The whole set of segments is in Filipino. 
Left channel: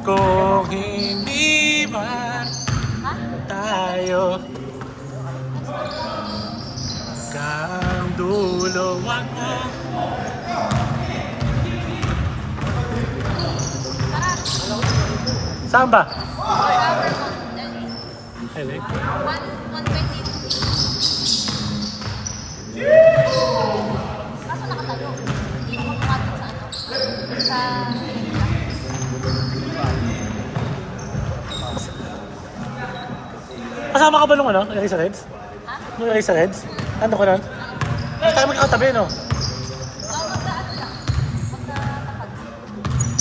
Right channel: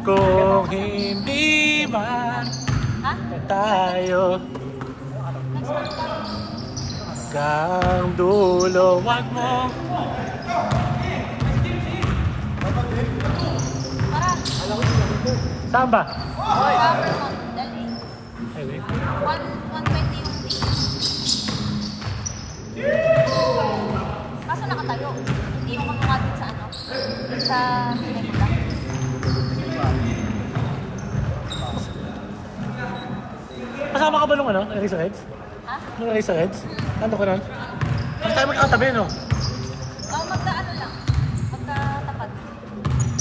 Kung hindi man tayo kang dulo, wag mo. Saan ba? Hele? 120. Kasama ka ba nung ano? Lagay sa Reds? Ha? Nung lagay sa Reds? Ano ko nun? Hindi tayo magkakatabi, no?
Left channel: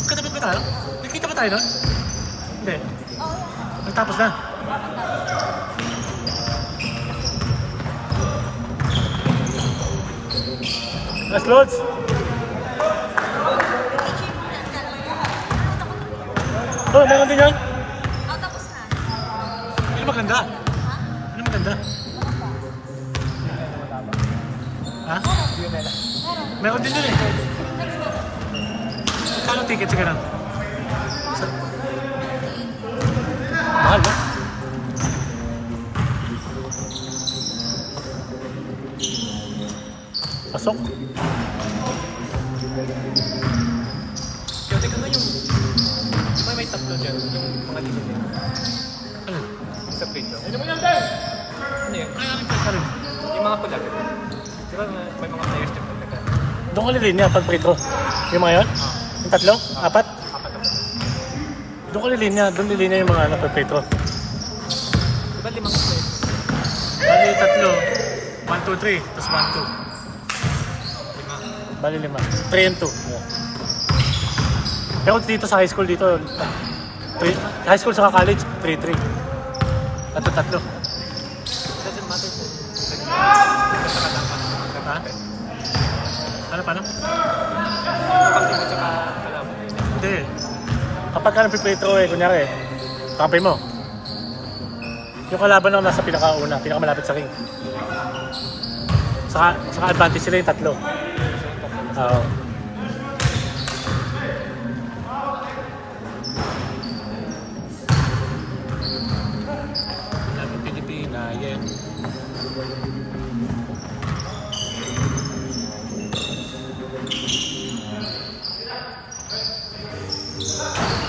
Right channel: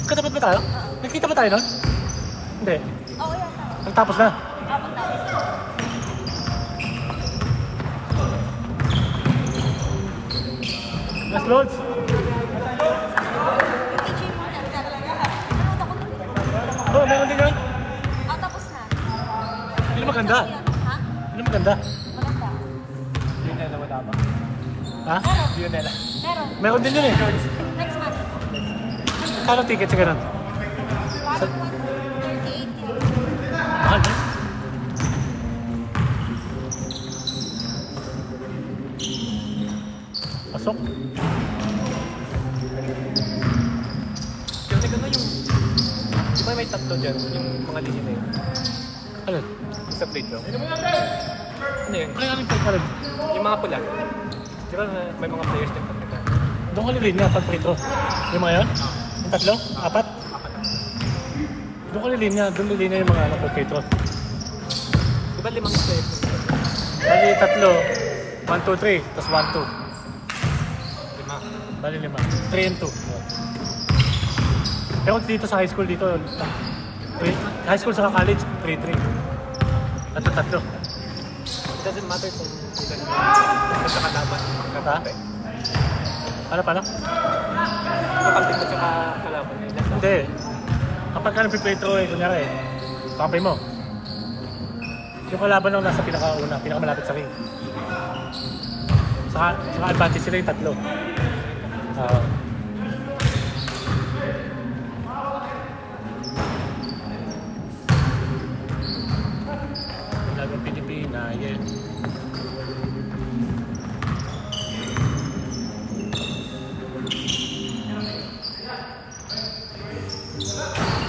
Katabi ba tayo? Nakita ba tayo nun? Hindi. Nagtapos na. Last loads. Oh, meron din yan? Tapos na. Hindi maganda. Hindi maganda. Ha? Meron din eh. Kano ticket sa ganun? Mahal ba? Pasok. Teka na yung... Di ba may tatlo dyan? Yung mga digit na yun? Ano? Sa plate doon. Ano yun? Kaya namin tayo karoon. Yung mga pula. Di ba may mga players dyan pag nagkano? Doon ko nilin niya pag pre-throw. Yung mga yun? Yung tatlo? Apat? Apat na. Doon ko nilin niya. Doon nilin niya yung mga pag pre-throw. Di ba limang players? Bali tatlo. 1, 2, 3. Tapos 1, 2. Lima. Bali 5. 3 and 2. Pero dito sa high school dito, high school sa college, 3-3. Tatlo. Doesn't matter kung... Ha? Paano? Hindi. Kapag ka nag-pre-throw kunyari, kapay mo. Yung kalaban lang nasa pinakauna, pinakamalapit sa ring. Saka advantage sila yung tatlo. Lagang Pilipina, yan.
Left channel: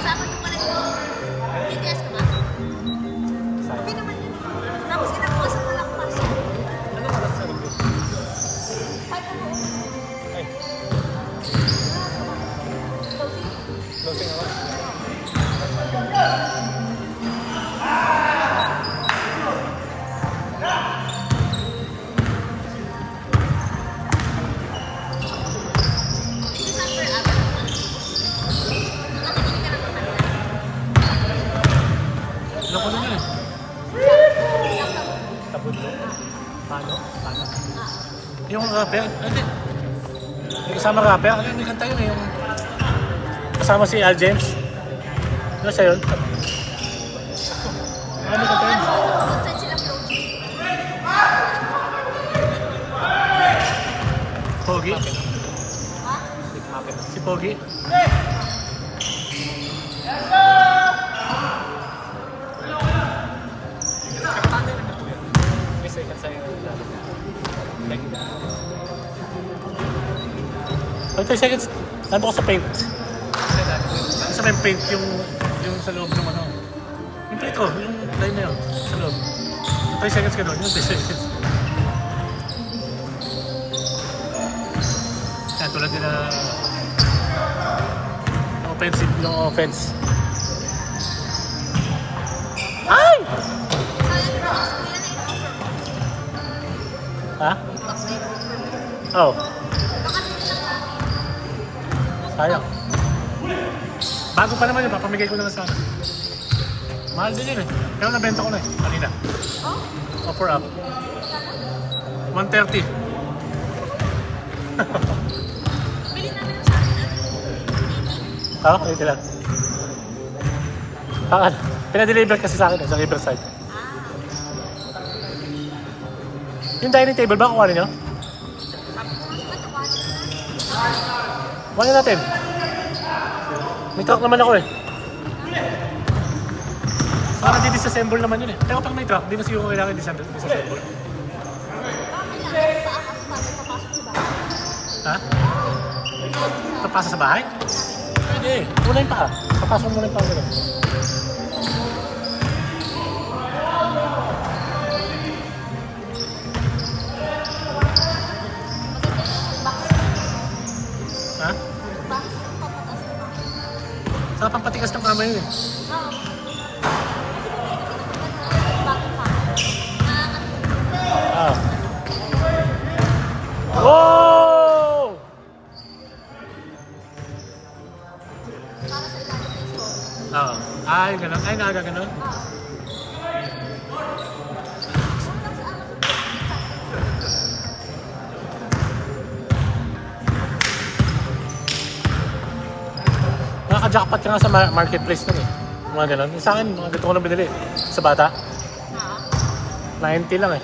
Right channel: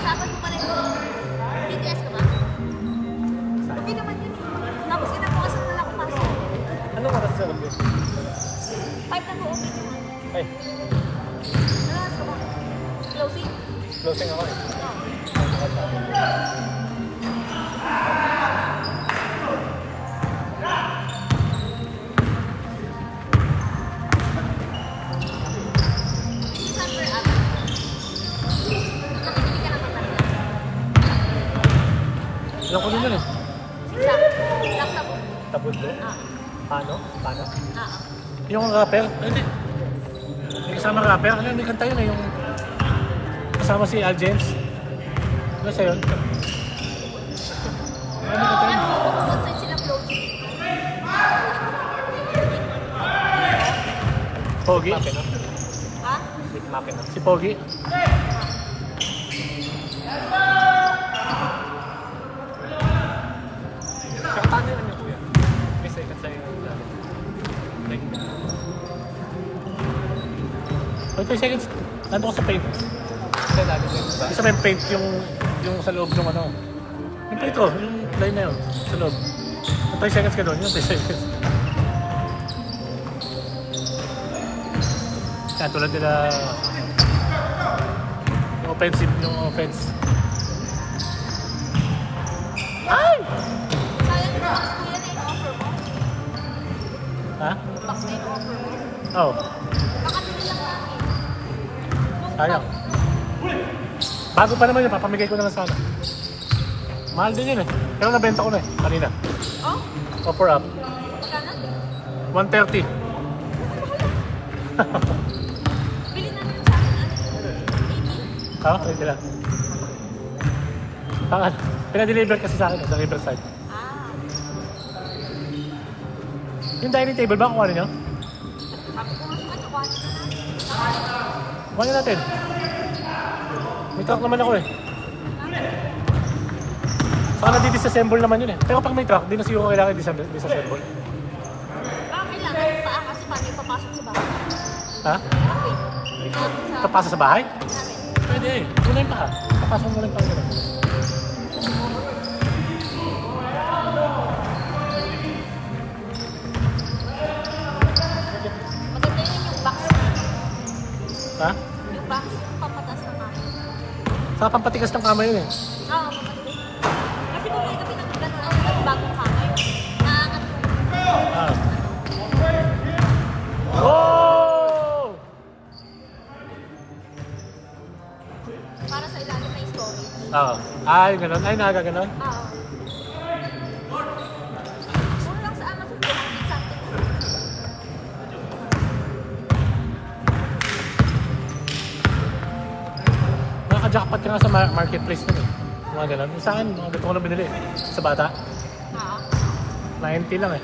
Saan yung pala yung BTS ka ba? Okay naman yun. Tapos inabukas mo lang kung ano. Ano nga ba sa akin? Ay, Closing ako. Ilang ko din yun eh. Paano? Yung rapper? Ay, hindi. May kasama rapper. Ano may kanta yun eh. Yung kasama si Al James. Ano siya yun? saan sila floating? Pogi? Si Pogi? Paano yung ano po yan? May second sa'yo yung lalo. Like... 30 seconds. Ano ko sa paint? Isa may paint yung sa loob ng ano. Yung paint ko, yung line na yun. Sa loob. 30 seconds ka doon. Yung 30 seconds. Kaya tulad nila yung offensive, yung offense. Ay! Sayang yung box ko yan yung offer mo. Ha? Box na yung offer mo. Oo. Baka dito lang namin. Sayang. Bago pa naman yun, papamigay ko na lang sana. Mahal din yun eh. Pero nabenta ko na eh, kanina. Offer up. 130. Bili namin sa akin. Ha? Pwede lang. Pinadeliver kasi sa akin sa Riverside. Yung dining table ba kukuha ninyo? Sabi ko nga nakuha na. Kuha natin. May truck naman ako eh. Baka di-disassemble naman yun eh. Pero pag may truck, di na siguro kailangan disassemble. Ha? Papasa sa bahay? Pwede eh. Muna yung paa. Papasok muna yung paa gano'n. Ha? Saka pampatigas ng kamay eh. Ah. Oh! Ah. Ay, ganun. Ay, naga ganun. Jackpot ka nga sa marketplace nun eh. Mga ganun. Sa akin, ganito ko na binili. Sa bata. 90 lang eh.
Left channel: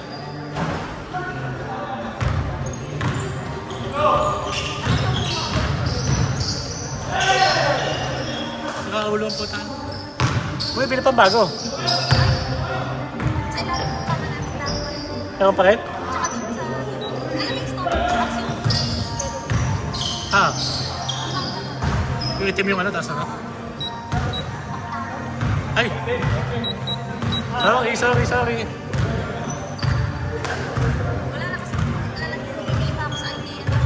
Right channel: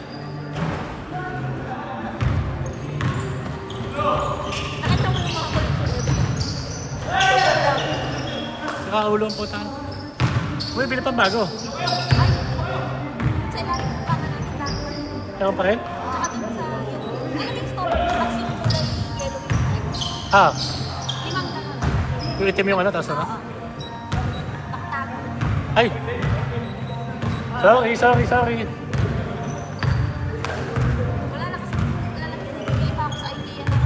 Nakaulo ang puta. Uy, bili pang bago. Sa ilalim ng kama natin dahil. Ewan pa rin? Tsaka dito sa... Ano yung storage box yung Ah. Yung itim yung ano, taas na? Ay! Sorry. wala na kasi nalalagay pa ako sa albiya ng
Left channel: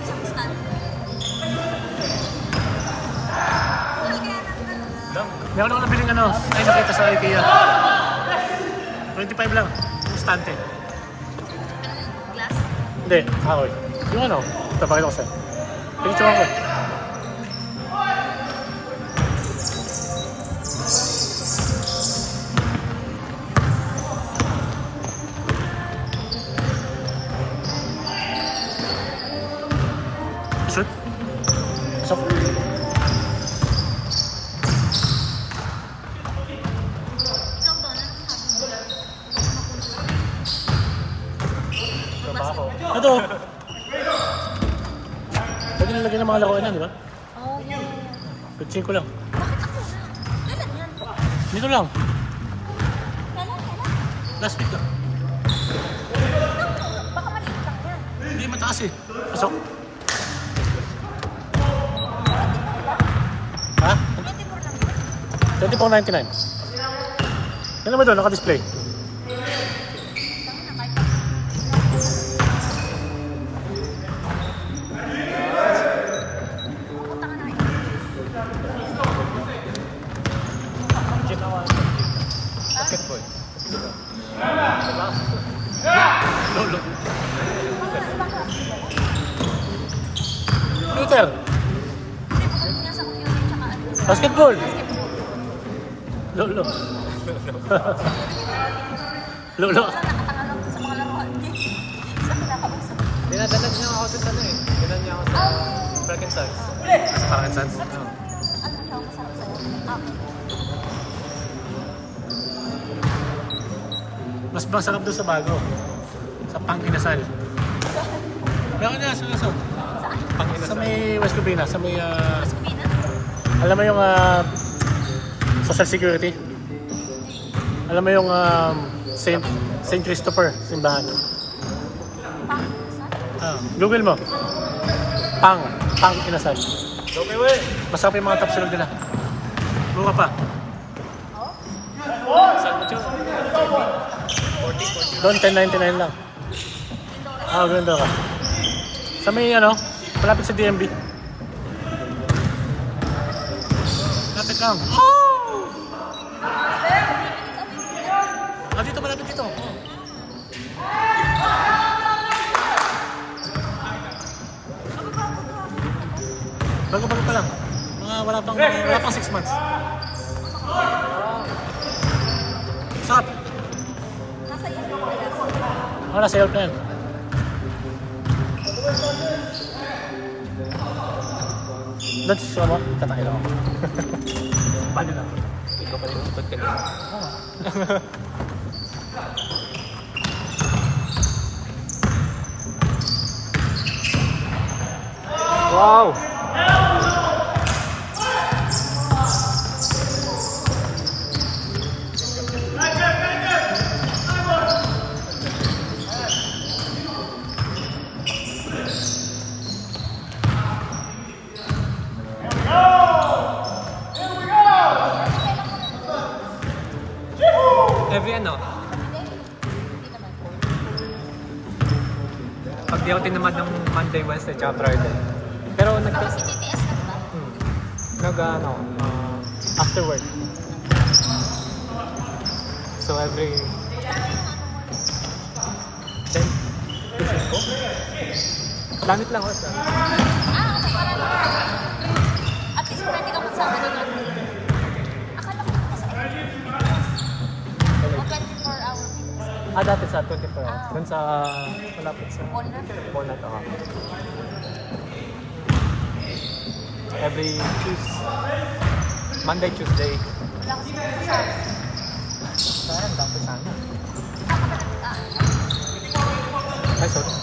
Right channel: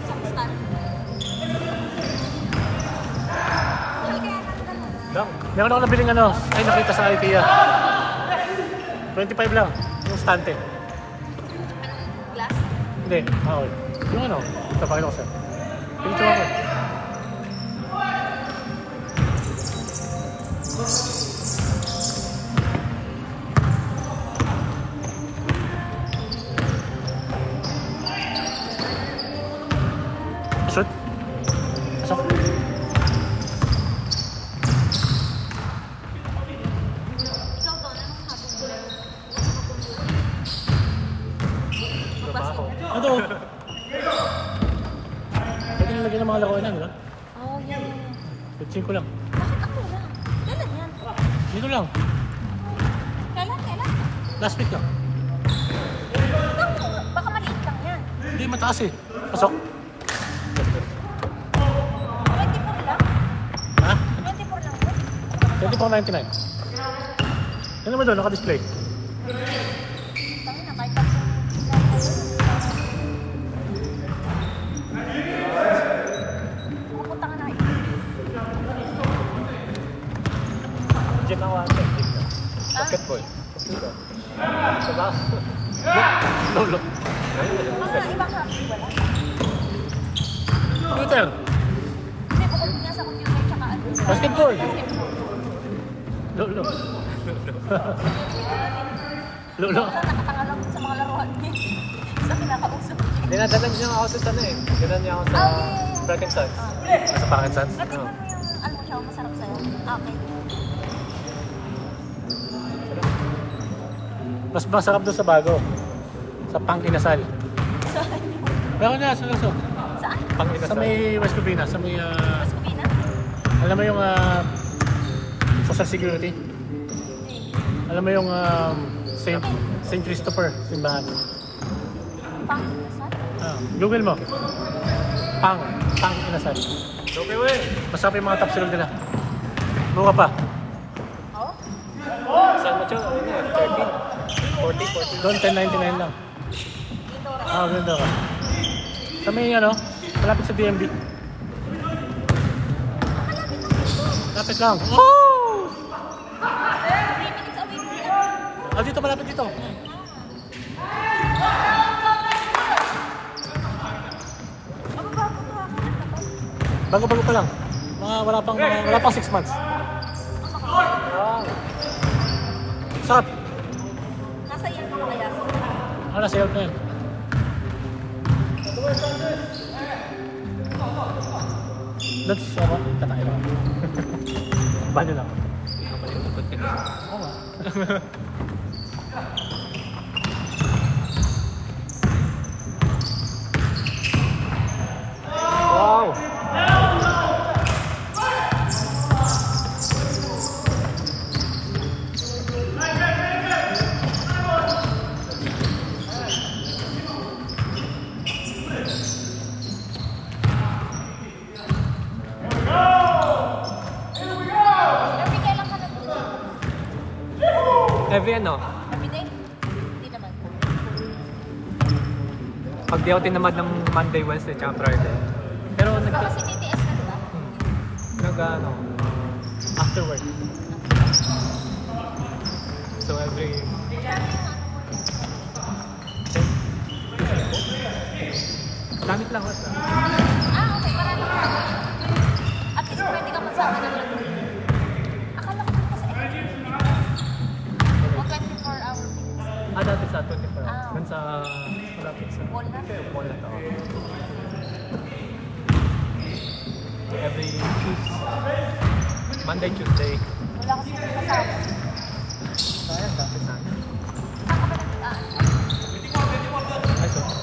isang stand. Wala kaya nang gano'n. Meron ako nabiling ano, ay nakita sa IKEA. 25 lang, yung stante. Glass? Hindi, kahoy. Yung ano, tapakit ko sa'yo. Picture mo ko. Pasok. Pasok. Ikaw doon, anong sabi mo? Trabaho. Ito. Pwede na lagyan ng mga lakuan yan, di ba? Oh, yeah. 15 ko lang. Bakit ang mura? Kailan yan? Dito lang. Kailan? Last week lang. Baka maliit lang yan. Hindi mataas eh. Pasok. Ha? 24 lang yun. 24.99. Yan naman doon, naka-display. Tangin na, kahit pag... Pupunta ka na yun. Diyan ako. Basketball. Lolo. Computer. Hindi, bukod nga sa computer tsaka ano. sa- Basketball. Basketball. Lolo. Lolo. Minsan nakatanga lang sa mga laruan niya. Dinadanan niya ako sa ano eh. Dinadanan niya ako sa Bracket Suns. Sa Parang Sans. Ano siya? Mas masarap doon sa bago. Sa Pangkinasal. Meron niya sa kaso. Sa may West Covina. Sa may... alam mo yung... Social Security. Alam mo yung... Saint Christopher. Simbahan. Pangkinasal? Google mo. Pangkinasal. Okay, wey! Masarap yung mga top silog nila. Mura pa. Saan mo siya? 40. Doon 10.99 lang. Ganda ka. Sa may ano, malapit sa DMB. Malapit lang. Oh! Dito, malapit dito. Bago-bago pa lang. Wala pang 6 months. Sarap. Nasa iyo na yun. Nagsisya mo? Tatake lang ako. Bali lang. Ikaw pala yung ikot ka na. Wow! Every ano? Hindi. Hindi naman. Pag di ako tinamad ng Monday, Wednesday, tsaka Friday. Pero Baka kasi TTS ka, diba? ano, after work. So every... Magkano yung ano mo? 10? Planit lang ako. Okay. Para lang. At least pwede ka magsama na doon. Akala ko kasi o 24-hour fitness. Dati sa 24 hours. Ah. Doon sa... malapit sa... Walnut? Walnut, Every Tuesday. Monday, Tuesday. Wala ko siguro. Sayang, dati sa amin. Saan ka ba nag-aan? Ay, sorry.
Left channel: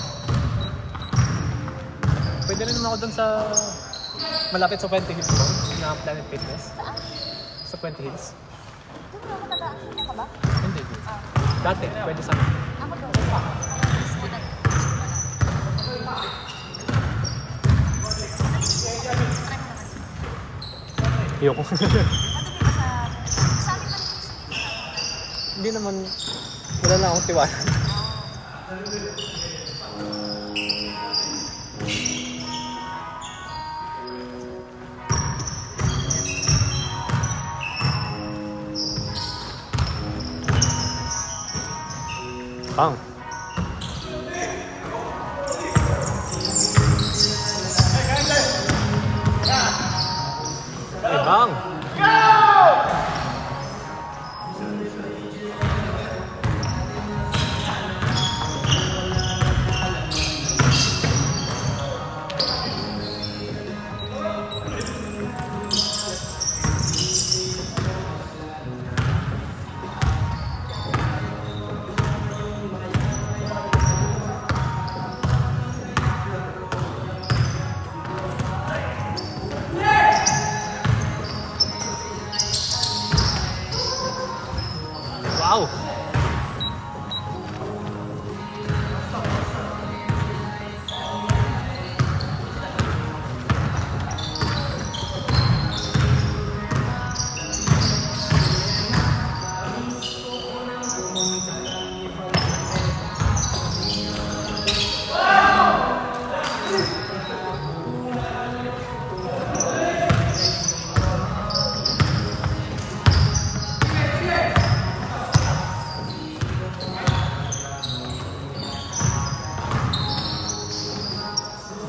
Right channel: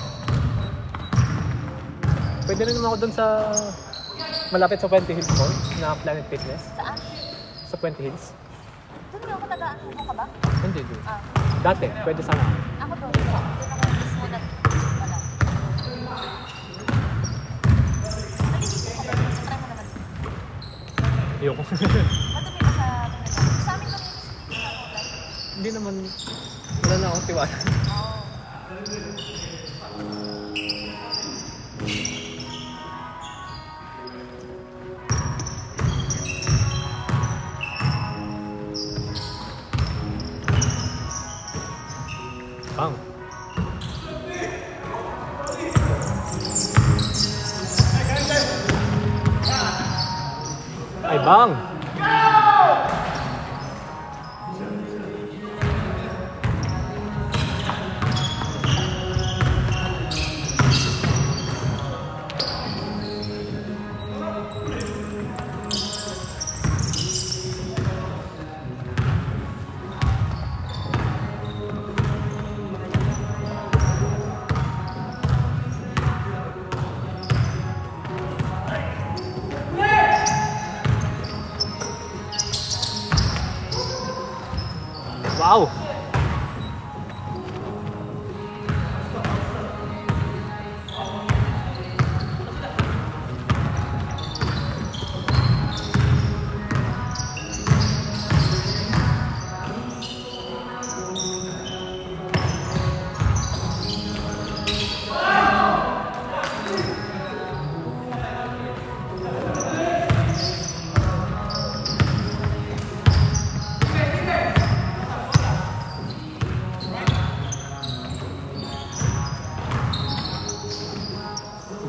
Pwede rin naman ako dun sa... malapit sa Puente Hills Mall na Planet Fitness. Sa Puente Hills. Doon ako nag-aan. Ano ka ba? Hindi. Dati, pwede sa amin. Ayoko. Madumi ba sa pinag-aan? Sa amin malinis sa moda. Hindi naman, wala na akong tiwala. Bang. Bang. Wow!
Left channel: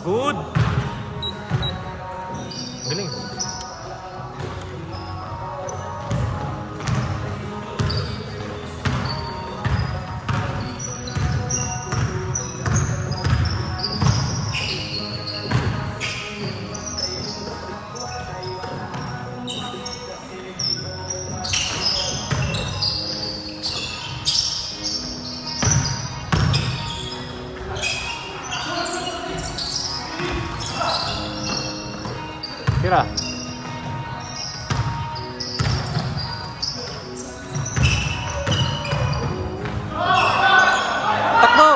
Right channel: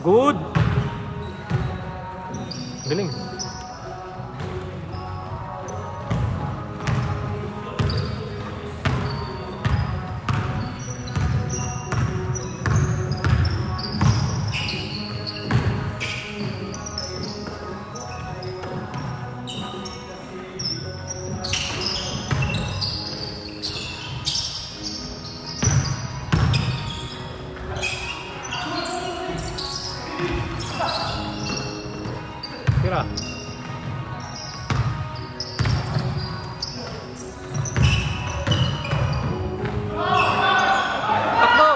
Good! Galing. Tira. Tatlo.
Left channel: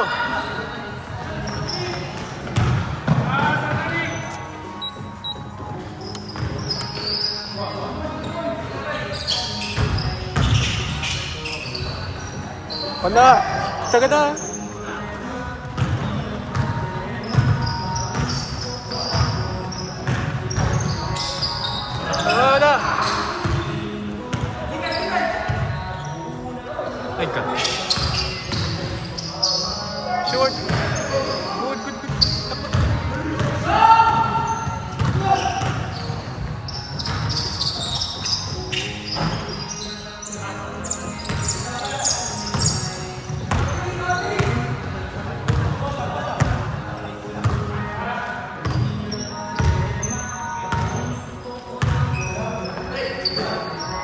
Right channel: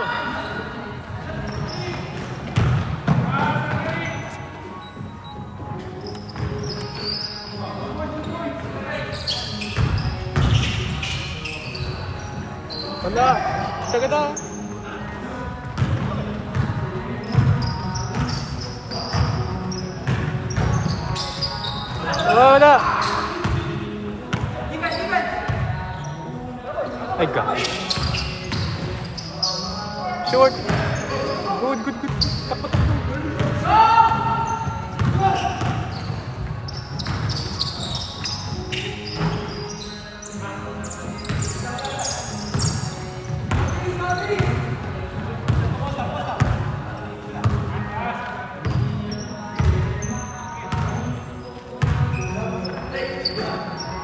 Wala. Sagad na. Wala. Ay ka. Short. Good, good, good.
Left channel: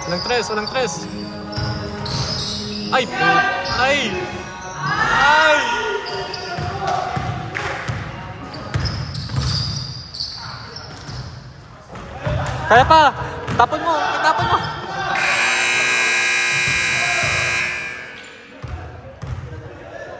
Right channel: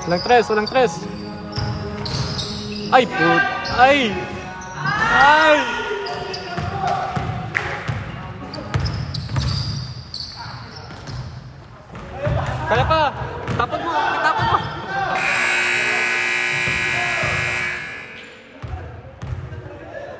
Walang tres, walang tres. Ay, po. Ay! Ay! Kaya pa! Tapon mo!